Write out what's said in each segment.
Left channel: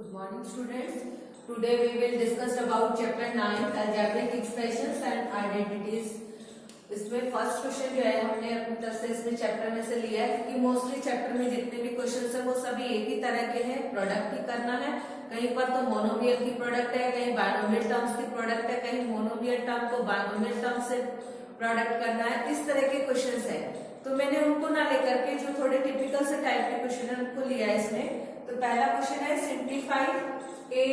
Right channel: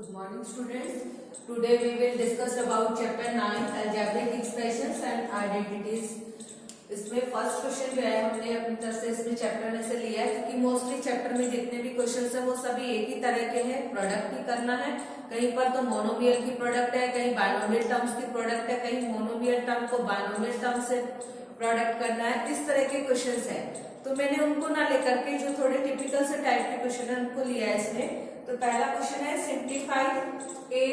Good morning, students. Today we will discuss about chapter 9 algebraic expressions and identities. इसमें first question जो है हमने अपनी तरफ से इसमें चैप्टर में से लिया है क्योंकि मोस्टली चैप्टर में जितने भी क्वेश्चन है वो सभी एक ही तरह के हैं, प्रोडक्ट ही करना है। कहीं पर तो मोनोमियल की प्रोडक्ट है, कहीं बाइनोमियल टर्म्स की प्रोडक्ट है, कहीं मोनोमियल टर्म को बाइनोमियल टर्म से प्रोडक्ट करना है। इस तरह के क्वेश्चन है तो मैंने उनको ना लेकर के जो थोड़े टिपिकल से टाइप के क्वेश्चन है उनको लिया है इसमें। तो पहला क्वेश्चन है simplify a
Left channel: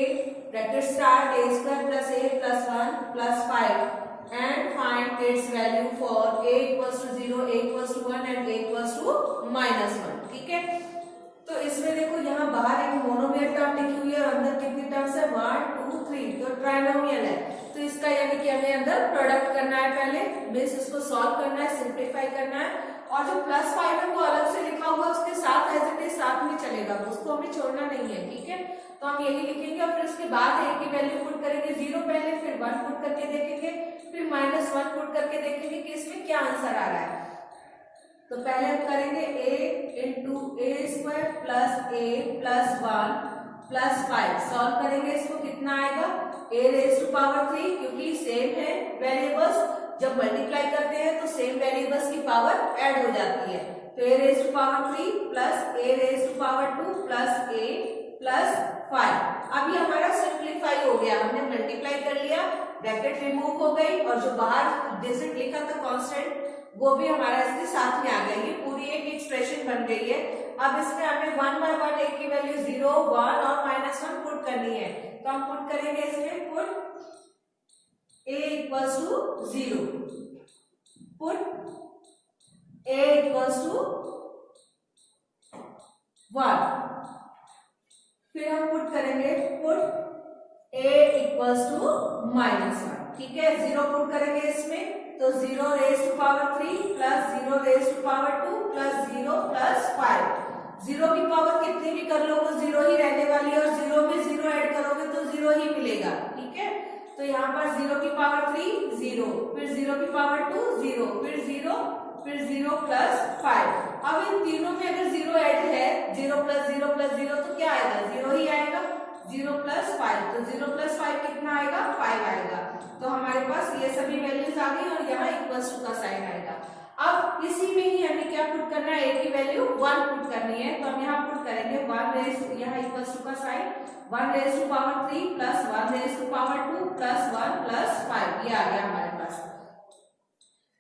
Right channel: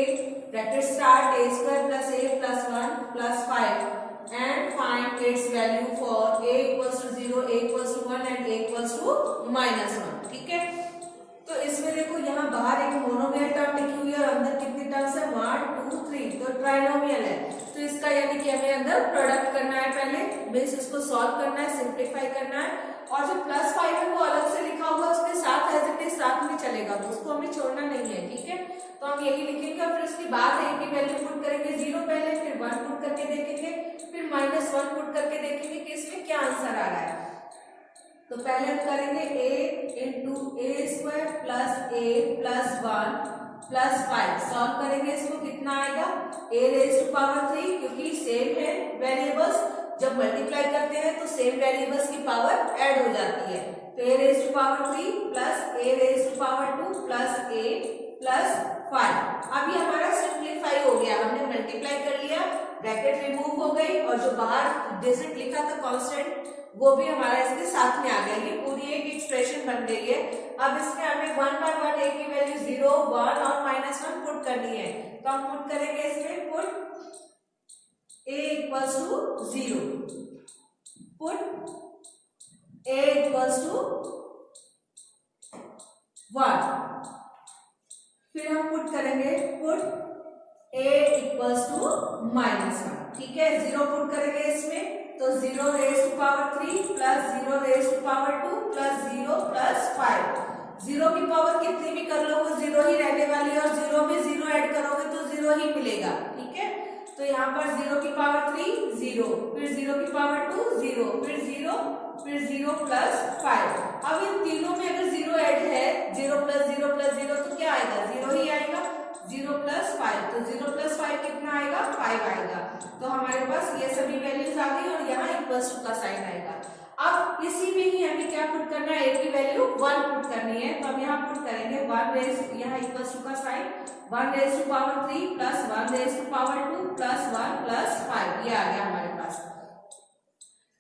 bracket start a square plus a plus 1 plus 5 and find its value for a equals to 0, a equals to 1 and a equals to -1। ठीक है, तो इसमें देखो यहाँ बाहर एक मोनोमियल टर्म लिखी हुई है और अंदर कितनी टर्म्स है 1 2 3, तो ट्राइनोमियल है। तो इसका यानी कि हमें अंदर प्रोडक्ट करना है, पहले बेस इसको सॉल्व करना है, सिंप्लीफाई करना है। और जो प्लस 5 है वो अलग से लिखा हुआ उसके साथ एज इट इज साथ में चलेगा, उसको हमें छोड़ना नहीं है। ठीक है, तो हम यही लिखेंगे और फिर इसके बाद a की वैल्यू पुट करेंगे 0 पहले, फिर 1 पुट करके देखेंगे, फिर -1 पुट करके देखेंगे कि इसमें क्या आंसर आ रहा है। तो पहले हम करेंगे a into A square plus a plus 1 plus 5 solve करेंगे, इसको कितना आएगा a रेज़ टू पावर 3, क्योंकि सेम है वेरिएबल्स, जब मल्टीप्लाई करते हैं तो सेम वेरिएबल्स की पावर ऐड हो जाती है। तो a raise to power 3 plus a raise to power 2 plus a plus 5। अब ये हमारा सिंप्लीफाई हो गया, हमने मल्टीप्लाई कर लिया, ब्रैकेट रिमूव हो गई और जो बाहर डिजिट लिखा था कांस्टेंट वो भी हमारा इसके साथ में आ गया। ये पूरी एक एक्सप्रेशन बन गई है। अब इसमें हमें 1 बाय 1 a की वैल्यू 0 1 और -1 पुट करनी है, तो हम पुट करेंगे इसमें put a equals to 0, put a equals to 1, फिर हम पुट करेंगे पुट a इक्वल्स टू -1। ठीक है, 0 पुट करेंगे इसमें तो 0 raise to power 3 plus 0 raise to power 2 plus 0 plus 5। 0 की पावर कितनी भी कर लो वो 0 ही रहने वाली है और 0 में 0 ऐड करोगे तो 0 ही मिलेगा। ठीक है, तो यहाँ पर 0 की पावर 3 0, फिर 0 की पावर 2 0, फिर 0, फिर 0 प्लस 5। अब इन तीनों में अगर 0 ऐड है, 0 प्लस 0 प्लस 0 तो क्या आएगा 0 ही आएगा, 0 प्लस 5, तो 0 प्लस 5 कितना आएगा 5 आएगा। तो हमारे पास ये सभी वैल्यूज आ गई और यहाँ इक्वल्स टू का साइन आएगा। अब इसी में ही हमें क्या पुट करना है, a की वैल्यू 1 पुट करनी है, तो हम यहाँ पुट करेंगे 1 रेज़, यहाँ इक्वल्स टू का sign 1 raise to power 3 plus 1 raise to power 2 plus 1 plus 5, ये आ गया हमारे पास।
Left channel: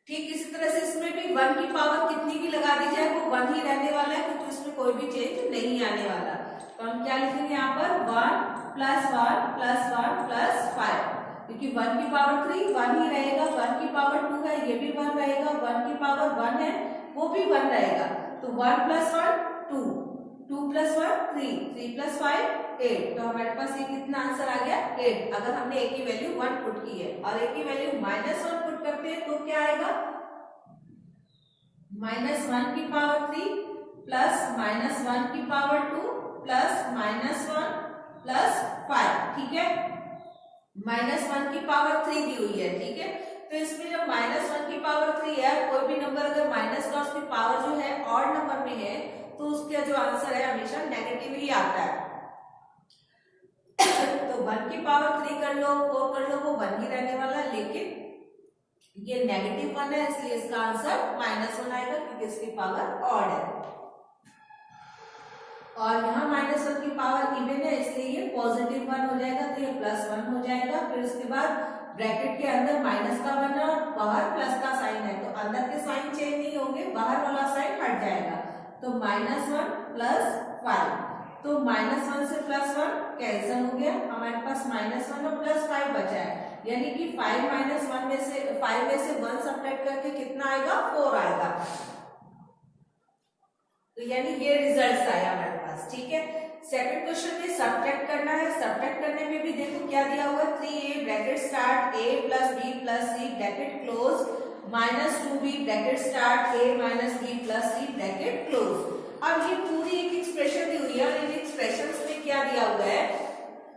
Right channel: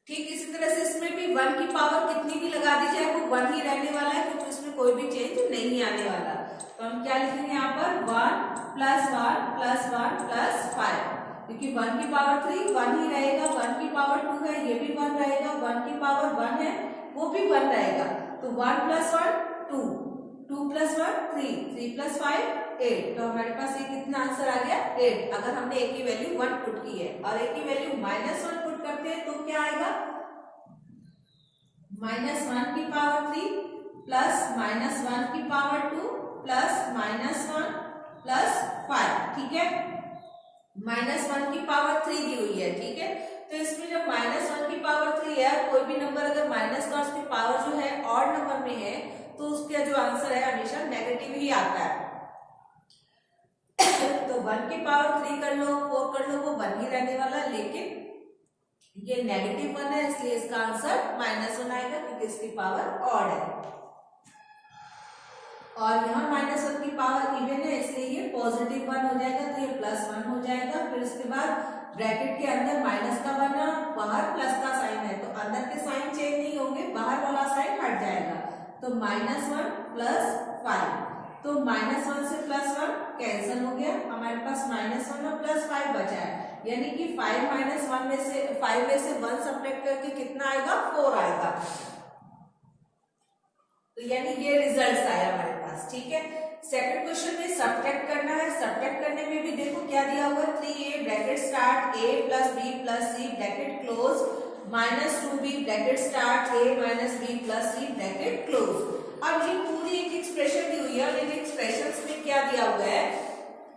ठीक इसी तरह से इसमें भी 1 की पावर कितनी भी लगा दी जाए वो 1 ही रहने वाला है, क्योंकि उसमें कोई भी चेंज नहीं आने वाला। तो हम क्या लिखेंगे यहाँ पर 1 प्लस 1 प्लस 1 प्लस 5, क्योंकि 1 की पावर 3 1 ही रहेगा, 1 की पावर 2 है ये भी 1 रहेगा, 1 की पावर 1 है वो भी 1 रहेगा। तो 1 प्लस 1 2, 2 प्लस 1 3, 3 प्लस 5 8, तो हमारे पास ये कितना आंसर आ गया 8। अगर हमने a की वैल्यू 1 पुट की है और a की वैल्यू -1 पुट करते हैं तो क्या आएगा -1 की पावर 3 प्लस -1 की पावर 2 प्लस -1 प्लस 5। ठीक है, -1 की पावर 3 दी हुई है। ठीक है, तो इसमें जब -1 की पावर 3 है, कोई भी नंबर अगर माइनस का उसकी पावर जो है ऑड नंबर में है तो उसका जो आंसर है हमेशा नेगेटिव ही आता है। तो 1 की पावर 3 कर लो 4 कर लो वो 1 ही रहने वाला है, लेकिन ये नेगेटिव 1 है इसलिए इसका आंसर -1 आएगा, क्योंकि इसकी पावर ऑड है। और यहाँ -1 की पावर इवन है इसलिए ये पॉजिटिव 1 हो जाएगा, तो ये +1 हो जाएगा। फिर उसके बाद ब्रैकेट के अंदर माइनस का 1 और बाहर प्लस का साइन है, तो अंदर के साइन चेंज नहीं होंगे, बाहर वाला साइन हट जाएगा। तो -1 प्लस 5, तो -1 से +1 कैंसिल हो गया, हमारे पास -1 और +5 बचा है, यानी कि 5 -1 में से 5 में से 1 सब्ट्रैक्ट करके कितना आएगा 4 आएगा। तो यानी ये रिजल्ट आया हमारे पास। ठीक है, सेकंड क्वेश्चन में सब्ट्रैक्ट करना है। सब्ट्रैक्ट करने में भी देखो क्या दिया हुआ 3a bracket start a plus b plus c bracket close -2b bracket start a minus b plus c bracket close. अब ये पूरी एक एक्सप्रेशन दी हुई है और इन एक्सप्रेशंस में क्या दिया हुआ है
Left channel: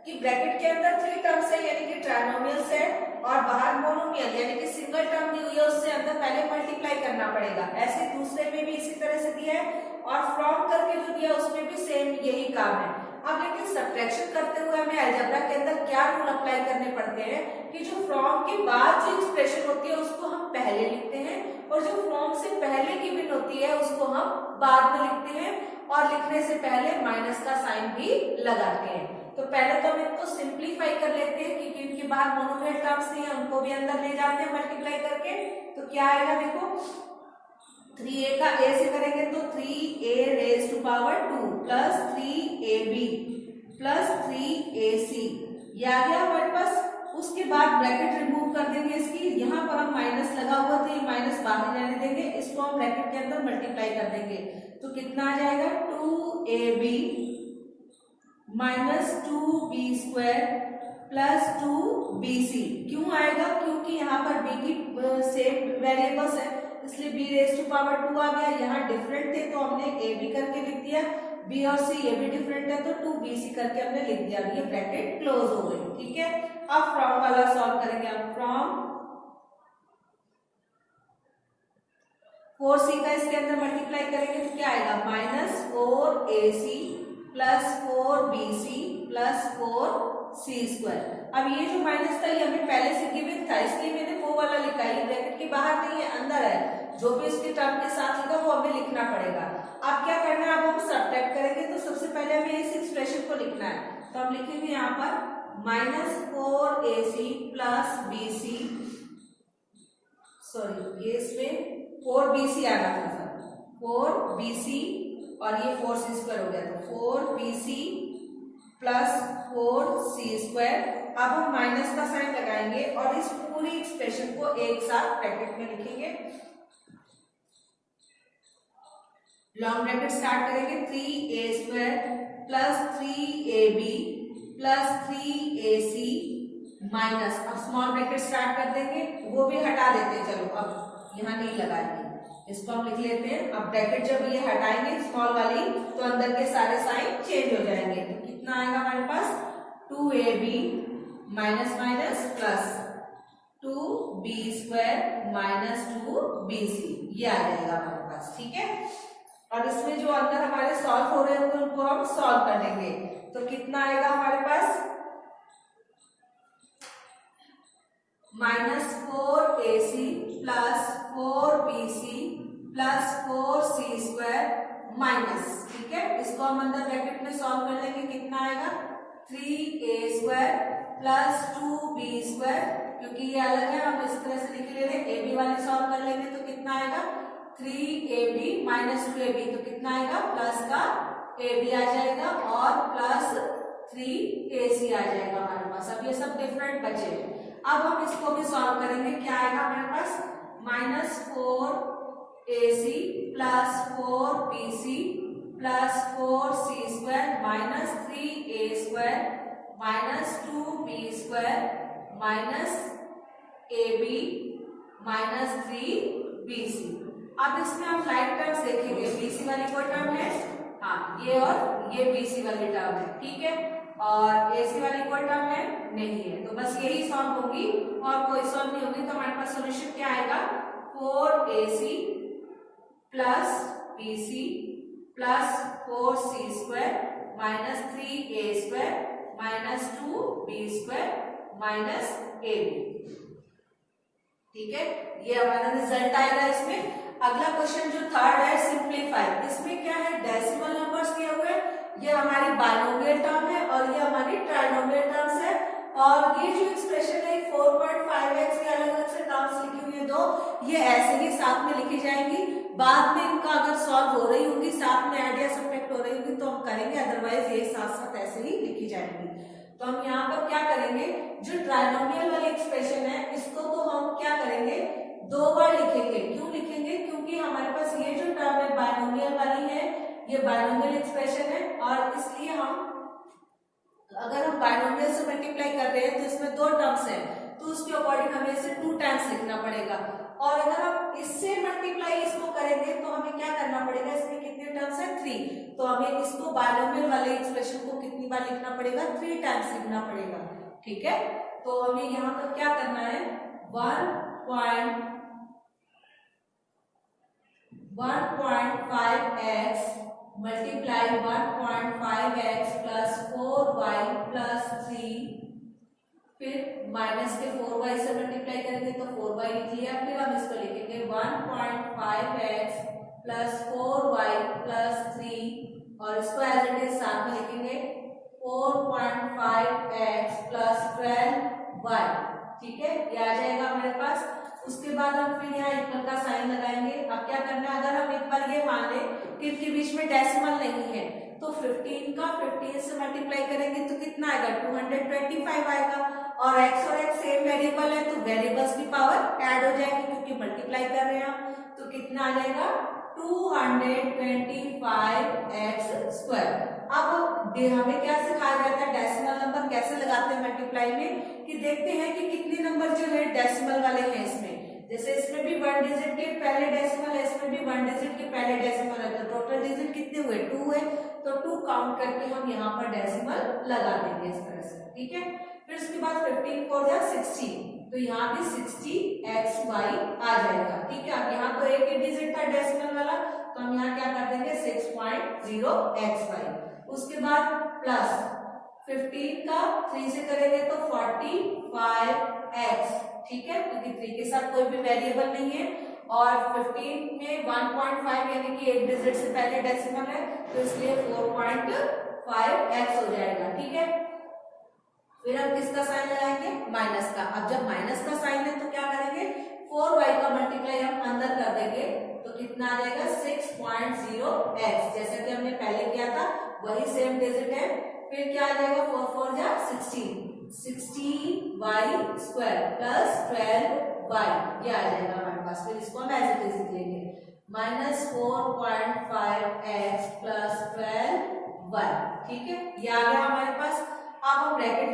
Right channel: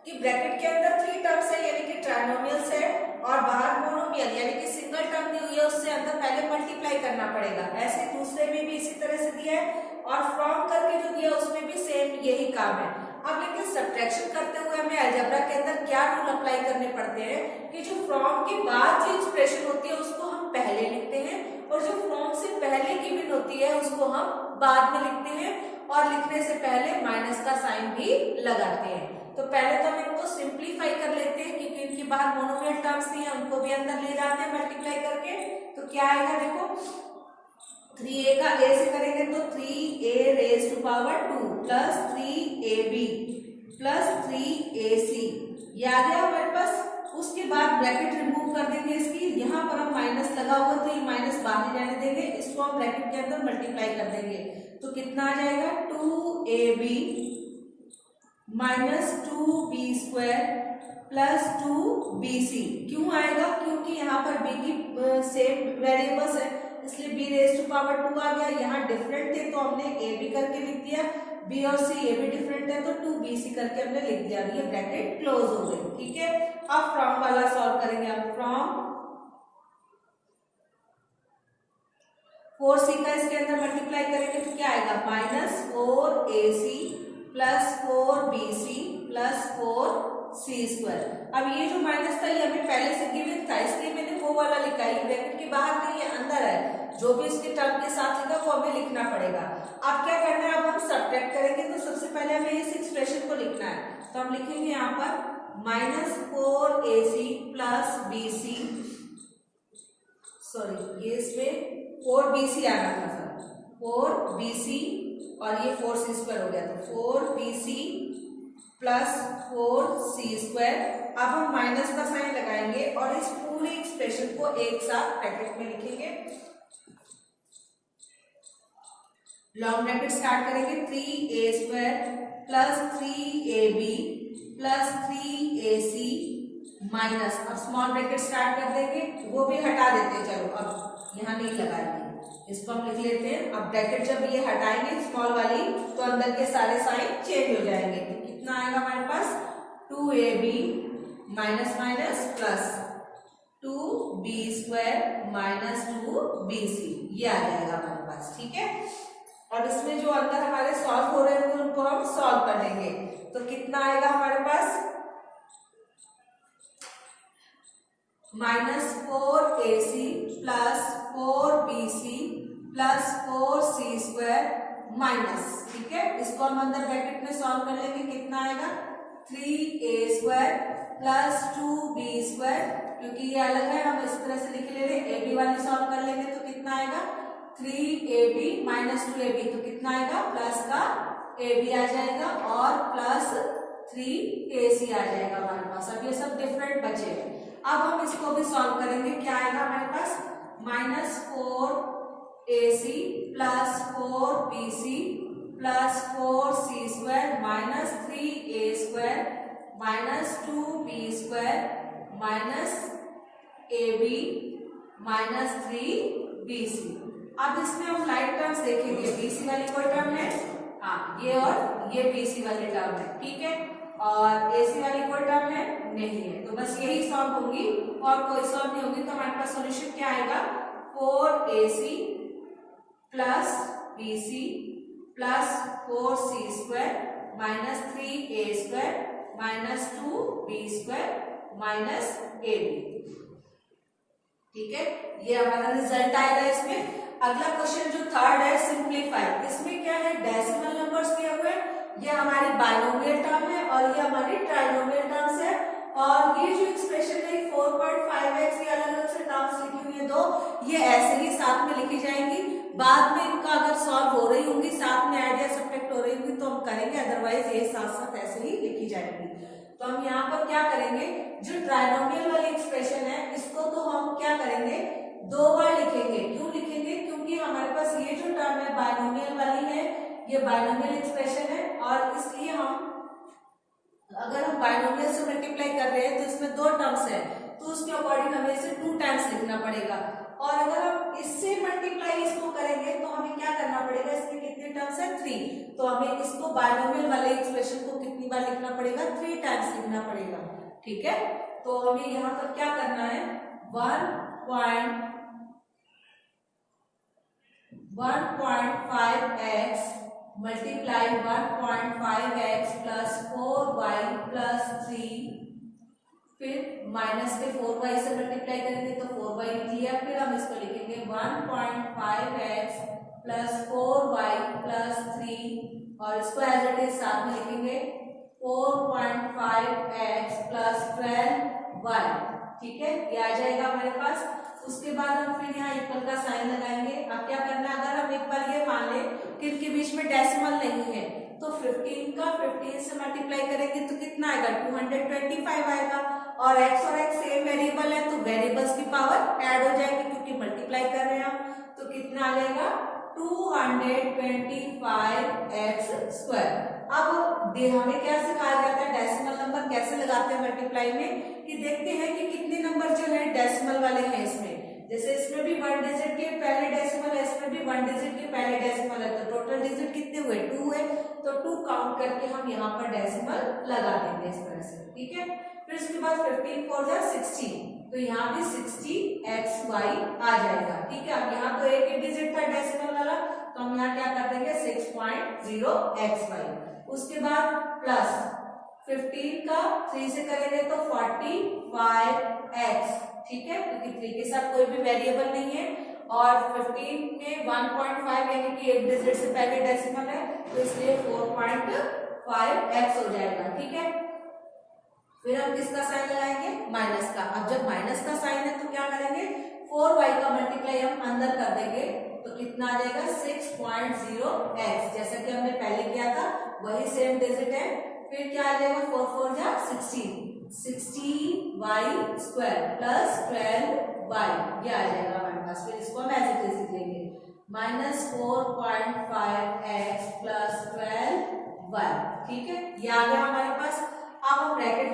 कि ब्रैकेट के अंदर 3 टर्म्स है यानी कि ट्राइनोमियल्स है और बाहर मोनोमियल यानी कि सिंगल टर्म दी हुई है, उससे अंदर पहले मल्टीप्लाई करना पड़ेगा। ऐसे दूसरे में भी इसी तरह से दिया है और फ्रॉम करके जो दिया उसमें भी सेम यही काम है। अब लेकिन सब्ट्रैक्शन करते हुए हमें अलजेब्रा के अंदर क्या रूल अप्लाई करने पड़ते हैं कि जो फ्रॉम के बाद जो एक्सप्रेशन होती है उसको हम पहले लिखते हैं और जो फ्रॉम से पहले की गिवन होती है उसको हम बाद में लिखते हैं और लिखने से पहले माइनस का साइन भी लगाते हैं। तो पहले तो हम इनको सिंप्लीफाई कर लेते हैं क्योंकि इनके बाहर मोनोमियल टर्म्स नहीं है, उनको भी अंदर ले जाते हैं मल्टीप्लाई करके। तो क्या आएगा देखो, 3a का a से करेंगे तो 3a raise to power 2 plus 3ab plus 3ac, ये आ गया हमारे पास। उसके बाद ब्रैकेट रिमूव कर देंगे इसकी, यहाँ पर हम माइनस लगा हुआ था, ये माइनस बाहर रहने देंगे, इसको हम ब्रैकेट के अंदर मल्टीप्लाई कर देंगे तो कितना आ जाएगा 2ab minus 2b square plus 2bc। क्यों आएगा, क्योंकि यहाँ पर b की सेम वेरिएबल्स है इसलिए b रेज टू पावर 2 आ गया। यहाँ डिफरेंट थे तो हमने a b करके लिख दिया, b और c ये भी डिफरेंट है तो 2bc करके हमने लिख दिया। ये ब्रैकेट क्लोज हो गई, ठीक है। अब फ्रॉम वाला सॉल्व करेंगे हम। फ्रॉम 4c का इसके अंदर मल्टीप्लाई करेंगे तो क्या आएगा minus 4ac plus 4bc plus 4c square. अब ये जो माइनस था ये हमें पहले से गिवन था इसलिए मैंने वो वाला लिखा है, ब्रैकेट के बाहर नहीं है अंदर है, जो भी इसके टर्म के साथ लिखा वो हमें लिखना पड़ेगा। अब क्या करना है, अब हम सब्ट्रैक्ट करेंगे तो सबसे पहले हमें इस एक्सप्रेशन को लिखना है। तो हम लिखेंगे यहाँ पर minus 4ac plus bc, sorry ये इसमें 4bc आना था सर, 4bc और ये 4c स्क्वायर हो गया तो 4bc प्लस 4c स्क्वायर। अब हम माइनस का साइन लगाएंगे और इस पूरी एक्सप्रेशन को एक साथ ब्रैकेट में लिखेंगे। लॉन्ग ब्रैकेट स्टार्ट करेंगे 3a square plus 3ab plus 3ac minus, अब स्मॉल ब्रैकेट स्टार्ट कर देंगे, वो भी हटा देते हैं, चलो अब यहाँ नहीं लगाएंगे, इसको हम लिख लेते हैं। अब ब्रैकेट जब ये हटाएंगे स्मॉल वाली तो अंदर के सारे साइन चेंज हो जाएंगे। तो कितना आएगा हमारे पास 2ab minus minus plus 2b square minus 2bc, ये आ जाएगा हमारे पास, ठीक है। और इसमें जो अंदर हमारे सॉल्व हो रहे हैं उनको हम सॉल्व कर देंगे तो कितना आएगा हमारे पास minus 4ac plus 4bc plus 4c square minus, ठीक है। इसको हम अंदर ब्रैकेट में सॉल्व कर लेंगे, कितना आएगा 3a square plus 2b square, क्योंकि ये अलग है हम इस तरह से लिख ले रहे हैं। ab वाले सॉल्व कर लेंगे तो कितना आएगा 3ab माइनस 2ab, तो कितना आएगा प्लस का ab आ जाएगा और प्लस 3ac आ जाएगा हमारे पास। अब ये सब डिफरेंट बचे। अब हम इसको भी सॉल्व करेंगे, क्या आएगा हमारे पास minus 4ac plus 4bc plus 4c square minus 3a square minus 2b square minus ab minus 3bc। अब इसमें हम लाइक टर्म्स देखेंगे, bc वाली कोई टर्म है, हाँ ये और ये bc वाली टर्म है, ठीक है, और ac वाली कोई टर्म है नहीं है, तो बस यही सॉल्व होगी और कोई सॉल्व नहीं होगी। तो हमारे पास सॉल्यूशन क्या आएगा 4ac plus bc plus 4c square minus 3a square minus 2b square minus ab, ठीक है। ये हमारा रिजल्ट आएगा इसमें। अगला क्वेश्चन जो थर्ड है सिंप्लीफाई, इसमें क्या है डेसिमल नंबर्स दिए हुए, ये हमारी बाइनोमियल टर्म है और ये हमारी ट्राइनोमियल टर्म्स है। और ये जो एक्सप्रेशन है 4.5x, ये अलग अलग से टर्म्स लिखी हुई है दो, ये ऐसे ही साथ में लिखी जाएंगी। बाद में इनका अगर सॉल्व हो रही होंगी साथ में ऐड या सब्ट्रैक्ट हो रही होंगी तो हम करेंगे, अदरवाइज ये साथ साथ ऐसे ही लिखी जाएंगी। तो हम यहाँ पर क्या करेंगे, जो ट्राइनोमियल वाली एक्सप्रेशन है इसको तो हम क्या करेंगे दो बार लिखेंगे। क्यों लिखेंगे, क्योंकि हमारे पास ये जो टर्म है बाइनोमियल वाली है, ये बाइनोमियल एक्सप्रेशन है और इसलिए हम अगर हम बाइनोमियल से मल्टीप्लाई कर रहे हैं तो इसमें दो टर्म्स है तो उसके अकॉर्डिंग हमें इसे 2 टाइम्स लिखना पड़ेगा। और अगर हम इससे मल्टीप्लाई इसको करेंगे तो हमें क्या करना पड़ेगा, इसमें कितने टर्म्स है 3, तो हमें इसको बाइनोमियल वाले एक्सप्रेशन को कितनी बार लिखना पड़ेगा 3 टाइम्स लिखना पड़ेगा, ठीक है। तो हमें यहाँ पर क्या करना है 1.5x multiply 1.5x plus 4y plus 3, फिर माइनस के 4y से मल्टीप्लाई करेंगे तो 4y लिख लिया, फिर हम इसको लिखेंगे 1.5x प्लस 4y प्लस 3 और इसको एज इट इज साथ में लिखेंगे 4.5x प्लस 12y। ठीक है, ये आ जाएगा हमारे पास। उसके बाद हम फिर यहाँ इक्वल का साइन लगाएंगे। अब क्या करना है, अगर हम एक बार ये मान लें कि इनके बीच में डेसिमल नहीं है तो 15 का 15 से मल्टीप्लाई करेंगे तो कितना आएगा, 225 आएगा। और x सेम वेरिएबल है तो वेरिएबल्स की पावर ऐड हो जाएगी क्योंकि मल्टीप्लाई कर रहे हैं हम, तो कितना आ जाएगा 225x स्क्वायर। अब हमें क्या सिखाया जाता है, डेसिमल नंबर कैसे लगाते हैं मल्टीप्लाई में, कि देखते हैं कि कितने नंबर जो है डेसिमल वाले हैं इसमें। जैसे इसमें भी 1 डिजिट के पहले डेसिमल है, इसमें भी 1 डिजिट के पहले डेसिमल है, तो टोटल डिजिट कितने हुए, 2 है। तो 2 काउंट करके हम यहाँ पर डेसिमल लगा देंगे इस तरह से। ठीक है, फिर उसके बाद 15 4 जा 16, तो यहाँ भी 60xy आ जाएगा। ठीक है, अब यहाँ तो एक डिजिट था डेसिमल वाला, तो हम यहाँ क्या कर देंगे 6.0xy। उसके बाद प्लस 15 का 3 से करेंगे तो 45x। ठीक है, क्योंकि 3 के साथ कोई भी वेरिएबल नहीं है और 15 में 1.5 यानी कि एक डिजिट से पहले डेसिमल है तो इसलिए 4.5x हो जाएगा। ठीक है, फिर हम किसका साइन लगाएंगे, माइनस का। अब जब माइनस का साइन है तो क्या करेंगे, 4y का मल्टीप्लाई हम अंदर कर देंगे तो कितना आ जाएगा 6.0x, जैसा कि हमने पहले किया था वही सेम डिजिट है। फिर क्या आ जाएगा 4 4 जा 16, 60y स्क्वायर प्लस 12y, ये आ जाएगा हमारे पास। फिर इसको हम ऐसे लिख लेंगे -4.5x प्लस 12y। ठीक है, ये आ गया हमारे पास। अब हम ब्रैकेट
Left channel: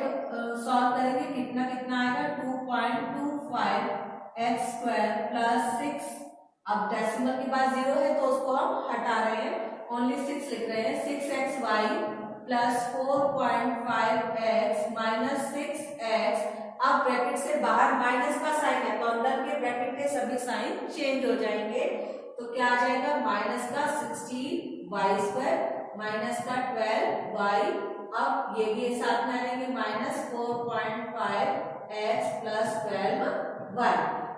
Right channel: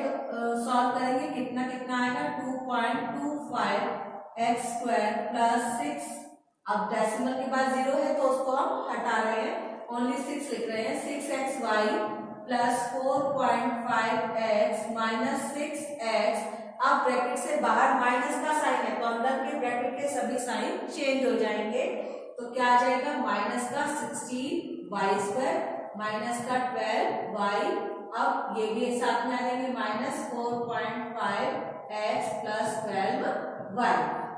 सॉल्व करेंगे, कितना कितना आएगा 2.25x स्क्वायर प्लस 6। अब डेसिमल के बाद 0 है तो उसको हम हटा रहे हैं, ओनली 6 लिख रहे हैं, 6xy plus 4.5x minus 6x। अब ब्रैकेट से बाहर माइनस का साइन है तो अंदर के ब्रैकेट के सभी साइन चेंज हो जाएंगे, तो क्या आ जाएगा माइनस का 16y स्क्वायर माइनस का 12y। अब ये भी साथ में आ जाएंगे -4.5x प्लस 12y।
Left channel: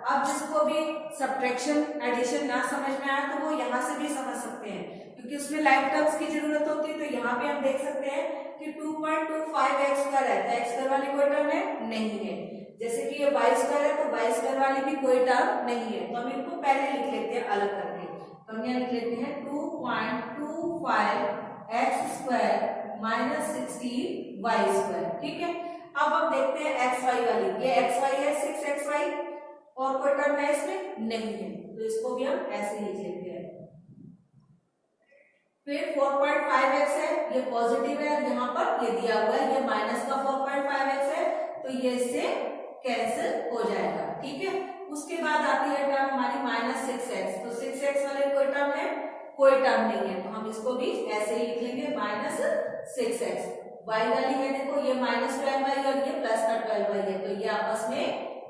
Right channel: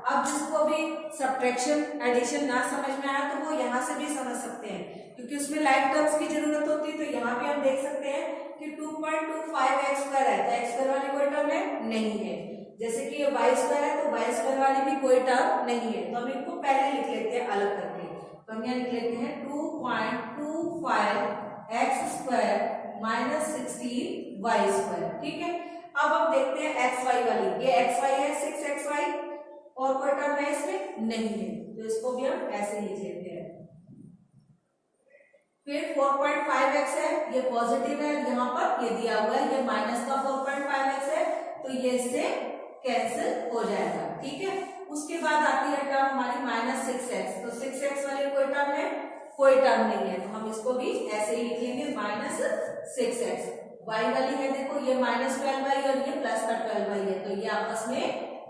अब जिसको भी सब्ट्रैक्शन एडिशन ना समझ में आया तो वो यहाँ से भी समझ सकते हैं क्योंकि उसमें लाइक टर्म्स की जरूरत होती है। तो यहाँ पे हम देख सकते हैं कि 2.25x स्क्वायर है तो x स्क्वायर वाली कोई टर्म है नहीं है, जैसे कि ये y स्क्वायर है तो y स्क्वायर वाली भी कोई टर्म नहीं है। तो हम इनको पहले लिख लेते हैं अलग करके, तो हम यहाँ लिख लेते हैं 2.25x square minus 16y square. ठीक है, अब हम देखते हैं xy वाली, ये xy है 6xy और कोई टर्म है इसमें नहीं है, तो इसको भी हम ऐसे ही लिख लेते हैं। फिर 4.5x है, ये पॉजिटिव है, यहाँ पर ये दिया हुआ है ये माइनस का 4.5x है तो ये इससे कैंसिल हो जाएगा। ठीक है, उसके बाद आती है टर्म हमारी -6x, तो 6x वाले कोई टर्म है, कोई टर्म नहीं है, तो हम इसको भी ऐसे ही लिख लेंगे -6x। y वाली है देखो ये -12y और ये प्लस का 12y है, तो ये आपस में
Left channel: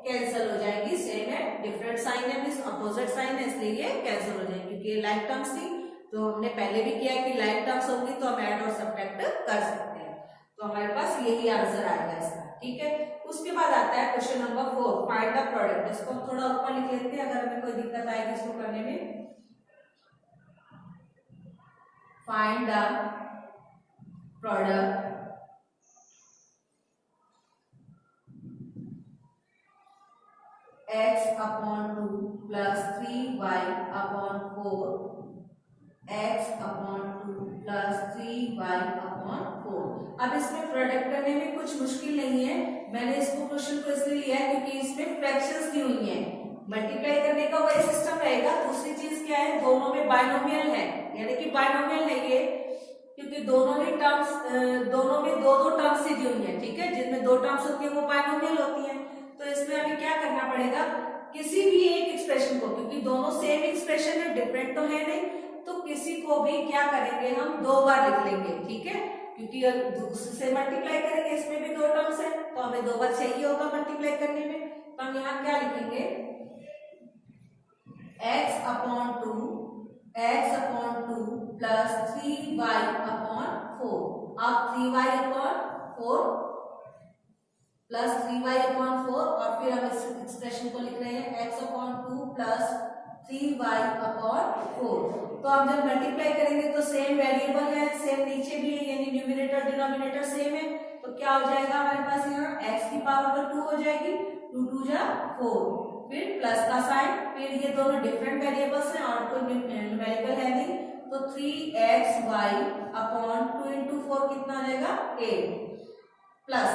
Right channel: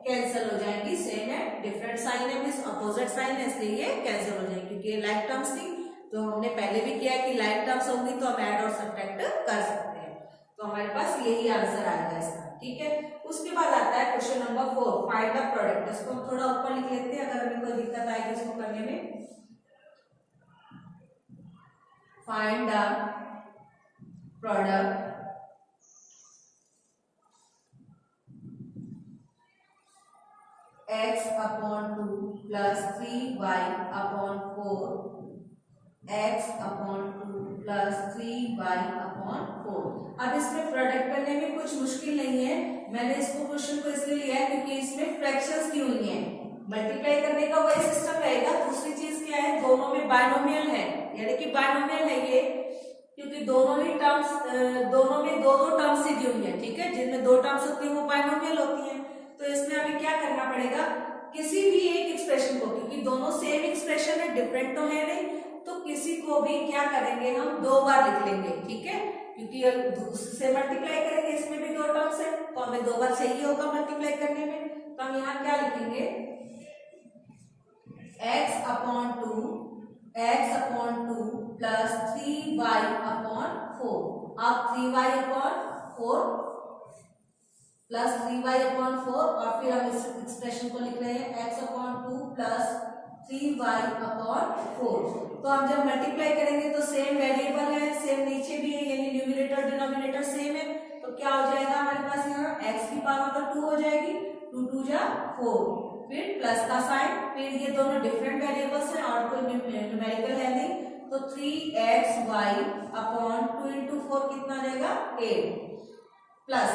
कैंसिल हो जाएगी, सेम है, डिफरेंट साइन है, मींस अपोजिट साइन है, इसलिए ये कैंसिल हो जाएगी क्योंकि ये लाइक टर्म्स थी। तो हमने पहले भी किया है कि लाइक टर्म्स होंगी तो हम ऐड और सब्ट्रैक्ट कर सकते हैं, तो हमारे पास यही आंसर आएगा इसका। ठीक है, उसके बाद आता है question number 4, find the product. इसको हम थोड़ा ऊपर लिख लेते हैं, अगर हमें कोई दिक्कत आएगी इसको करने में। Find the product x/2 plus 3y/4 x/2 plus 3y/4। अब इसमें प्रोडक्ट करने में कुछ मुश्किल नहीं है, मैंने इसको क्वेश्चन को इसलिए लिया है क्योंकि इसमें फ्रैक्शंस दी हुई हैं, मल्टीप्लाई करने का वही सिस्टम रहेगा। दूसरी चीज क्या है, दोनों में बाइनोमियल है, यानी कि बाइनोमियल है ये, क्योंकि दोनों ही टर्म्स दोनों में दो टर्म्स दी हुई है। ठीक है, जिनमें 2 टर्म्स होती है वो बाइनोमियल होती है, तो इसमें अभी क्या करना पड़ेगा, किसी भी एक एक्सप्रेशन को, क्योंकि दोनों सेम एक्सप्रेशन है, डिफरेंट तो है नहीं, तो किसी को भी क्या करेंगे हम 2 बार लिख लेंगे। ठीक है, क्योंकि दूसरे से मल्टीप्लाई करेंगे, इसमें भी 2 टर्म्स है तो हमें 2 बार चाहिए होगा मल्टीप्लाई करने में, तो हम यहाँ क्या लिखेंगे x/2 प्लस 3y अपॉन 4। अब 3y upon 4 plus 3y upon 4 और फिर हम इस एक्सप्रेशन को लिख रहे हैं x upon 2 plus 3y upon 4। तो हम जब मल्टीप्लाई करेंगे तो सेम वेरिएबल है, सेम नीचे भी है, यानी न्यूमरेटर डिनोमिनेटर सेम है। तो क्या हो जाएगा हमारे पास यहाँ x की पावर तो 2 हो जाएगी, 2 2 जा 4, फिर प्लस का साइन, फिर ये दोनों डिफरेंट वेरिएबल्स हैं और कोई न्यूमेरिकल है नहीं, तो 3xy अपॉन 2 इंटू 4 कितना आ जाएगा 8 प्लस,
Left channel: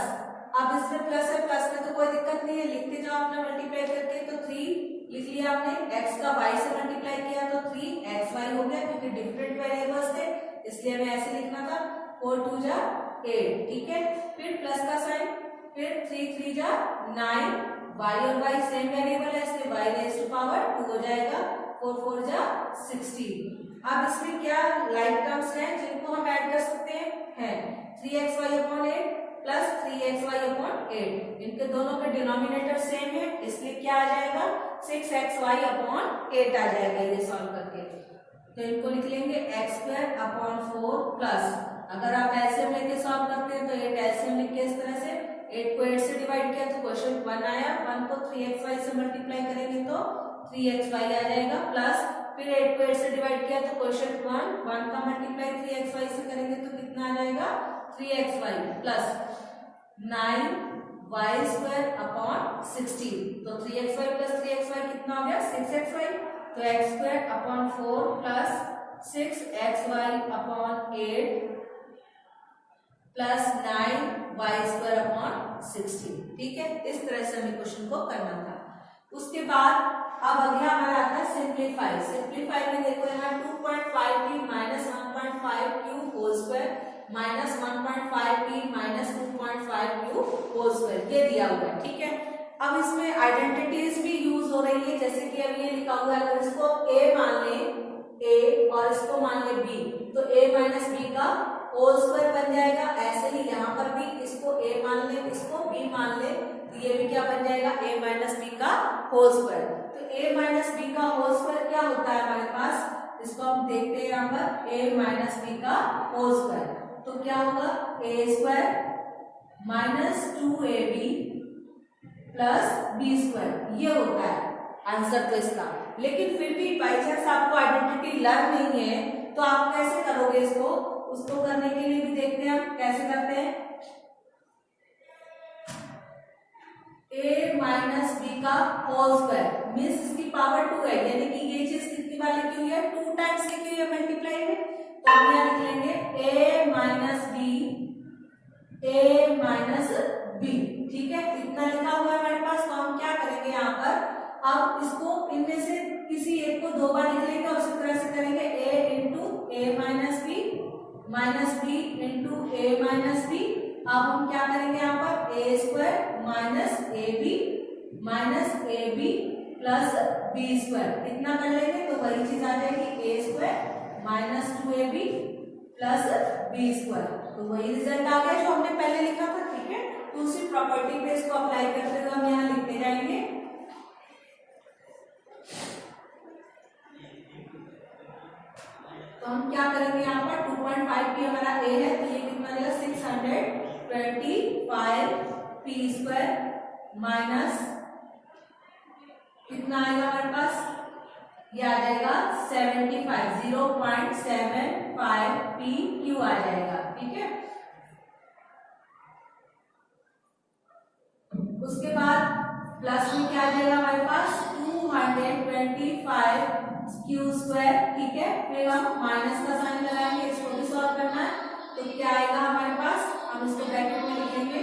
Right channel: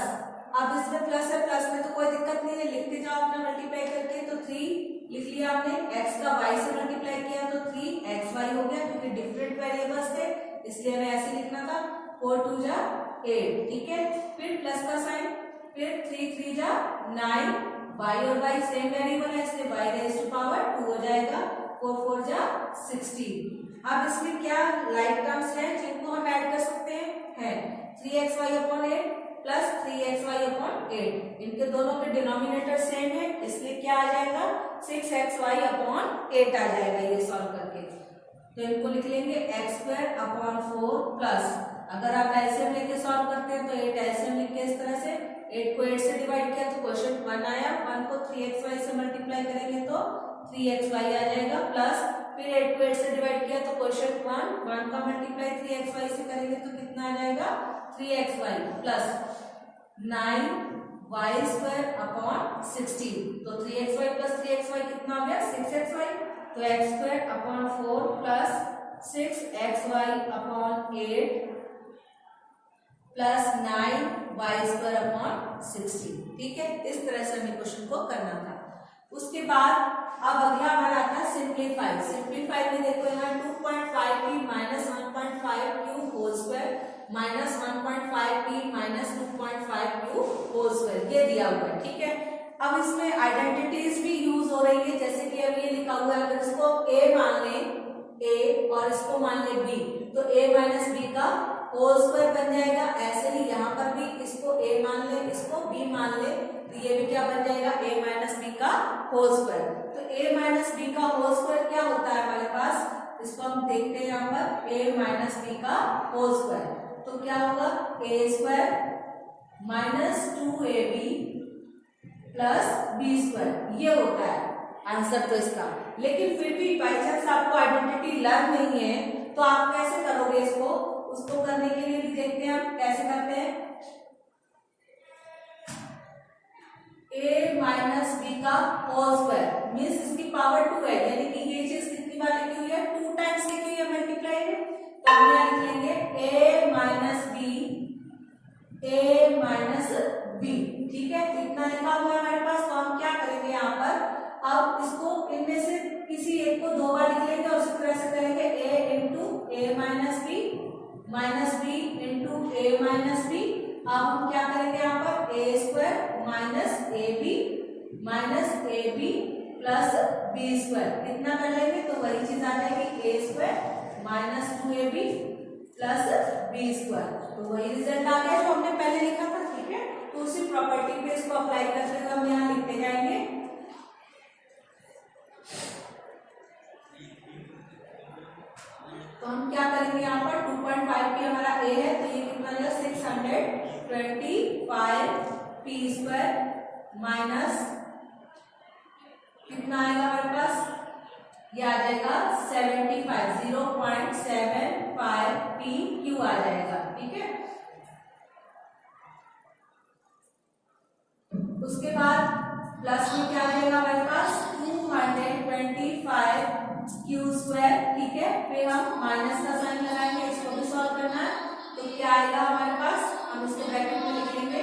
अब इसमें प्लस है, प्लस में तो कोई दिक्कत नहीं है, लिखते जाओ अपना मल्टीप्लाई करके। तो 3 लिख लिया आपने, x का y से मल्टीप्लाई किया तो 3xy हो गया, क्योंकि डिफरेंट वेरिएबल्स थे इसलिए हमें ऐसे लिखना था। 4 2 जा 8, ठीक है, फिर प्लस का साइन, फिर 3 3 जा 9, y और y सेम वेरिएबल है इसलिए y रेज़ टू पावर 2 हो जाएगा, 4 4 जा 16। अब इसमें क्या लाइक टर्म्स हैं जिनको हम ऐड कर सकते हैं 3xy upon 8 plus 3xy upon 8, इनके दोनों के डिनोमिनेटर सेम है इसलिए क्या आ जाएगा 6xy अपॉन 8 आ जाएगा ये सॉल्व करके। तो इनको लिख लेंगे x स्क्वायर अपॉन 4 प्लस, अगर आप एलसीएम लेके सॉल्व करते हैं तो 8 एलसीएम लिख के इस तरह से 8 को 8 से डिवाइड किया तो क्वेश्चन 1 आया, 1 को 3xy से मल्टीप्लाई करेंगे तो 3xy आ जाएगा, प्लस फिर 8 को 8 से डिवाइड किया तो क्वेश्चन 1 का मल्टीप्लाई 3xy से करेंगे तो कितना आ जाएगा 3xy plus 9y square upon 16। तो 3xy प्लस 3xy कितना हो गया 6xy, तो x square upon 4 plus 6xy upon 8 plus 9y square upon 16, ठीक है। इस तरह से हमें क्वेश्चन को करना था। उसके बाद अब अगला हमारा आता है सिंप्लीफाई। सिंप्लीफाई में देखो यहाँ 2.5p minus 1.5q whole square minus 1.5p minus 2.5q whole square ये दिया हुआ है, ठीक है। अब इसमें आइडेंटिटीज भी यूज हो रही है, जैसे कि अब ये लिखा हुआ है, अगर इसको a मान ले a और इसको मान ले b तो a माइनस b का होल स्क्वायर बन जाएगा। ऐसे ही यहाँ पर भी इसको a मान ले इसको b मान ले तो ये भी क्या बन जाएगा a माइनस b का होल स्क्वायर। तो a माइनस b का होल स्क्वायर क्या होता है हमारे पास, इसको हम देखते हैं यहाँ पर a माइनस b का होल स्क्वायर, तो क्या होगा a square minus 2ab plus b square, ये होता है आंसर तो इसका। लेकिन फिर भी बाई चांस आपको आइडेंटिटी लग नहीं है तो आप कैसे करोगे इसको, उसको करने के लिए भी देखते हैं आप कैसे करते हैं। a माइनस बी का होल स्क्वायर मीन्स इसकी पावर 2 है, यानी कि ये चीज कितनी बार लिखी हुई है 2 टाइम्स लिखी हुई है मल्टीप्लाई में, तो हम यहाँ लिख लेंगे a माइनस बी, ठीक है, इतना लिखा हुआ है हमारे पास। तो हम क्या करेंगे यहाँ पर, अब इसको इनमें से किसी एक को 2 बार लिख लेंगे और उसी तरह से करेंगे a into A minus B into A minus B. अब हम क्या करेंगे यहाँ पर A square minus A B plus B square, इतना कर लेंगे तो वही चीज आ जाएगी A square minus 2ab plus B square. तो वही रिजल्ट आ गया जो हमने पहले लिखा था, ठीक है। तो उसी प्रॉपर्टी पे इसको अप्लाई करते हुए हम यहाँ लिखते जाएंगे। तो हम क्या करेंगे यहाँ पर 2.5p हमारा a है तो ये कितना आएगा 625p स्क्वायर माइनस कितना आएगा हमारे पास, ये आ जाएगा 0.75p क्यू आ जाएगा, ठीक है। उसके बाद प्लस में क्या आ जाएगा हमारे पास 225q स्क्वायर, ठीक है। फिर हम माइनस का साइन लगाएंगे, इसको भी सॉल्व करना है तो क्या आएगा हमारे पास, हम इसको ब्रैकेट में लिखेंगे,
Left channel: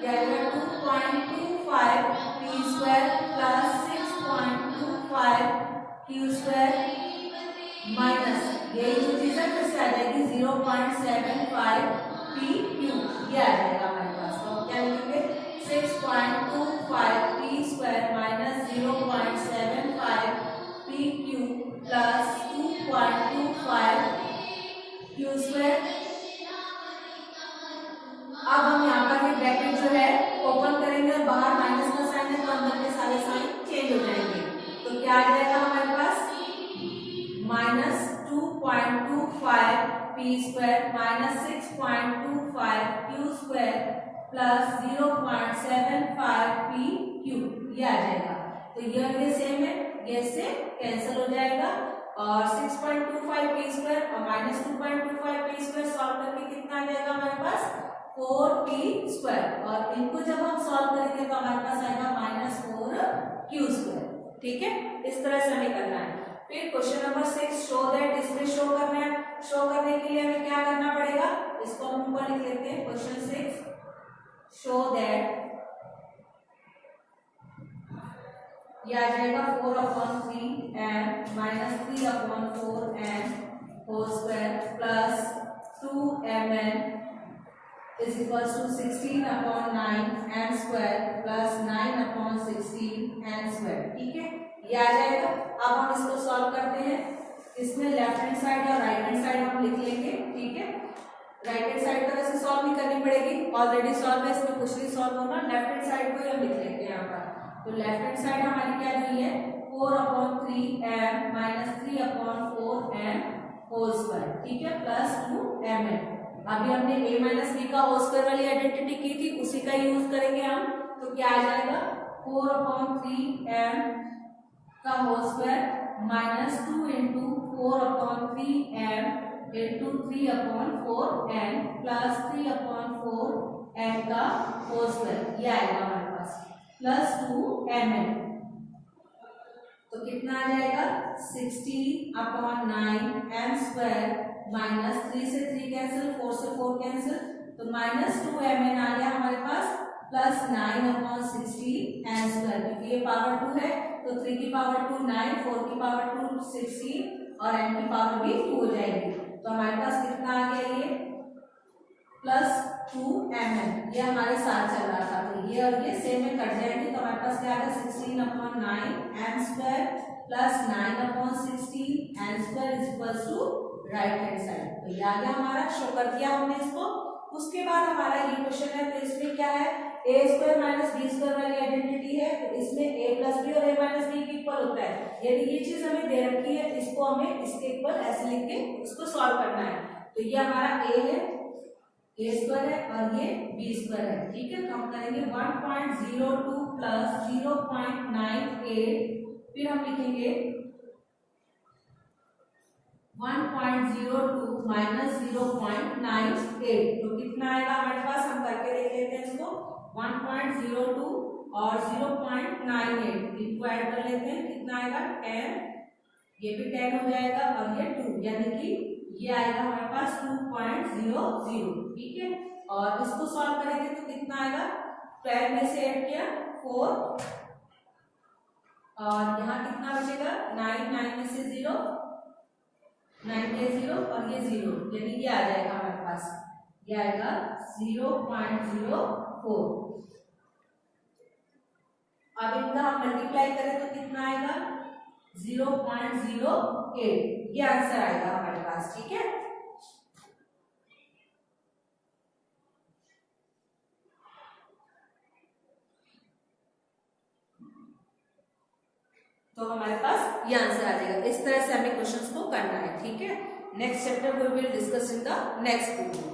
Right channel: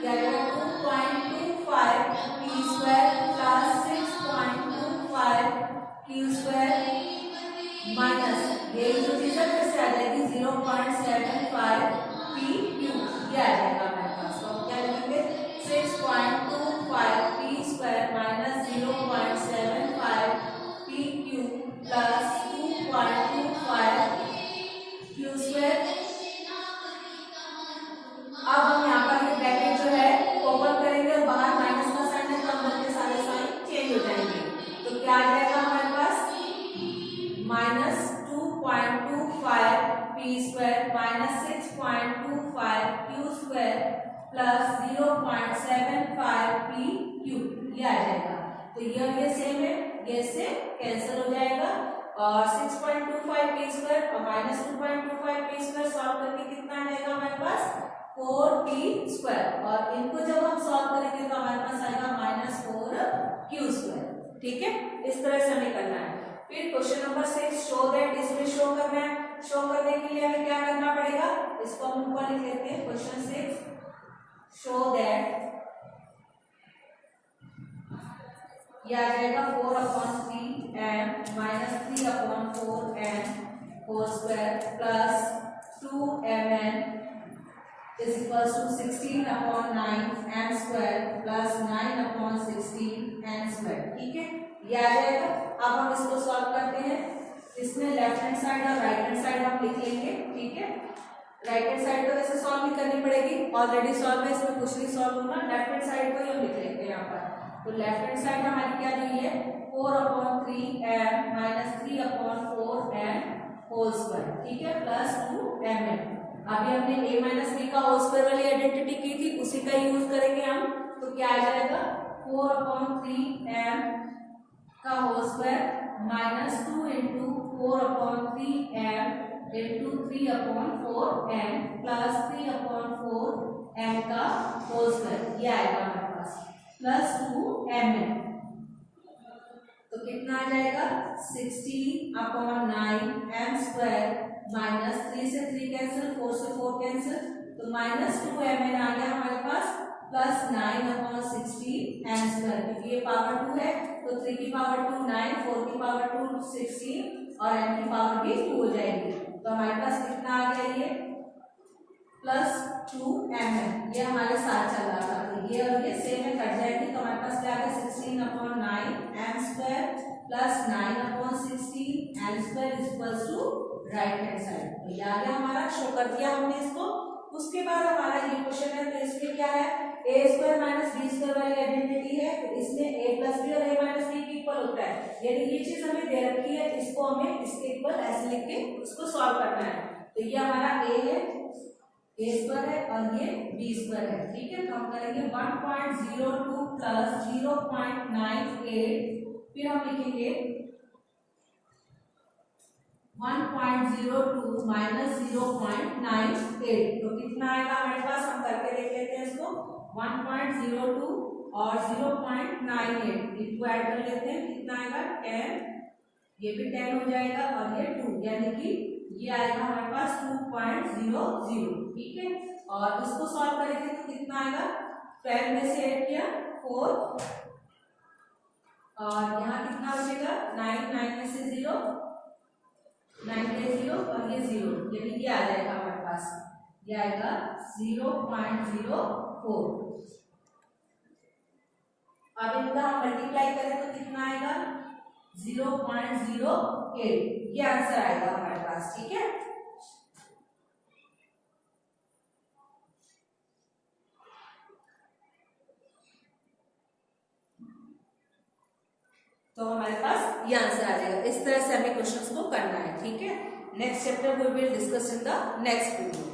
ये आएगा 2.25p square plus 6.25q square minus यही जो चीज है फिर से आ जाएगी 0.75p क्यू, ये आ जाएगा हमारे पास। तो हम क्या लिखेंगे 6.25p square minus 0.75p Q plus 2.25q square. अब हम यहाँ पर ये ब्रैकेट जो है ओपन करेंगे और बाहर माइनस का साइन है तो अंदर के सारे साइन चेंज हो जाएंगे। तो क्या आ जाएगा हमारे पास minus 2.25 P square minus 6.25 Q square plus 0.75 P Q, ये आ जाएगा। तो ये सेम है, ये से कैंसिल हो जाएगा और 6.25 पी स्क्वायर और माइनस 2.25 पी स्क्वायर सॉल्व करके कितना आ जाएगा हमारे पास 4 पी स्क्वायर, और इनको जब हम सॉल्व करेंगे तो हमारे पास आएगा माइनस 4 क्यू स्क्वायर। ठीक है, इस तरह से हमें करना है। फिर क्वेश्चन नंबर 6, शो दैट, इसमें शो करना है। शो करने के लिए हमें क्या करना पड़ेगा, इसको हम ऊपर लिख लेते हैं। क्वेश्चन 6, शो दैट, ये आ जाएगा 4/3 n minus 3/4 n whole square plus 2mn is equals to 16/9 n square plus 9/16 n square. ठीक है, ये आ जाएगा। अब हम इसको सॉल्व करते हैं। इसमें लेफ्ट हैंड साइड और राइट हैंड साइड हम लिख लेंगे। ठीक है, राइट हैंड साइड तो वैसे सॉल्व नहीं करनी पड़ेगी, ऑलरेडी सॉल्व है, इसमें कुछ नहीं सॉल्व होना। लेफ्ट हैंड साइड को ही हम लिख लेंगे यहाँ पर। तो लेफ्ट हैंड साइड हमारी क्या दी है 4/3 n minus 3/4 n whole square. ठीक है, प्लस 2mn। अभी हमने a माइनस बी का होल स्क्वायर वाली आइडेंटिटी की थी, उसी का यूज करेंगे हम। तो क्या आ जाएगा 4/3 m का whole square minus 2 into 4/3 m इंटू 3/4 n प्लस 3/4 n का होल स्क्वायर, ये आएगा हमारे पास प्लस 2mn। तो कितना आ जाएगा 16/9 n स्क्वायर माइनस 3 से 3 कैंसिल, 4 से 4 कैंसिल, तो माइनस 2mn आ गया हमारे पास प्लस 9/16 n स्क्वायर, क्योंकि ये पावर 2 है तो 3 की पावर 2 9, 4 की पावर 2 16 और n की पावर भी 2 हो जाएगी। तो हमारे पास कितना आ गया ये प्लस 2mn, ये हमारे साथ चल रहा था। तो ये और ये सेम में कट जाएंगे, तो हमारे पास क्या आएगा 16/9 n square plus 9/16 n square is equals to right hand side. तो ये आ गया हमारा, शो कर दिया हमने इसको। उसके बाद हमारा ये क्वेश्चन है, तो इसमें क्या है a square minus b square वाली आइडेंटिटी है, तो इसमें a प्लस बी और a माइनस बी के इक्वल होता है। यदि ये चीज हमें दे रखी है, इसको हमें इसके इक्वल ऐसे लिख के उसको सॉल्व करना है। तो ये हमारा a है, a स्क्वायर है और ये b स्क्वायर है। ठीक है, तो हम करेंगे 1.02 प्लस 0.98, फिर हम लिखेंगे 1.02 माइनस 0.98, तो कितना आएगा हमारे पास, हम करके देख लेते हैं इसको। 1.02 और 0.98 इनको ऐड कर लेते हैं, कितना आएगा 10, ये भी 10 हो जाएगा और ये 2, यानी कि ये आएगा हमारे पास 2.00। ठीक है, और इसको सॉल्व करेंगे तो कितना आएगा 12 में से ऐड किया 4 और यहाँ कितना बचेगा 9, 9 में से 0, 9 के 0 और ये 0, यानी ये आ जाएगा हमारे पास, ये आएगा 0.04। अब इनका हम मल्टीप्लाई करें तो कितना आएगा 0.08, ये आंसर आएगा हमारे पास। ठीक है, तो हमारे पास ये आंसर आ जाएगा। इस तरह से हमें क्वेश्चंस को करना है। ठीक है, next chapter we will discuss in the next video.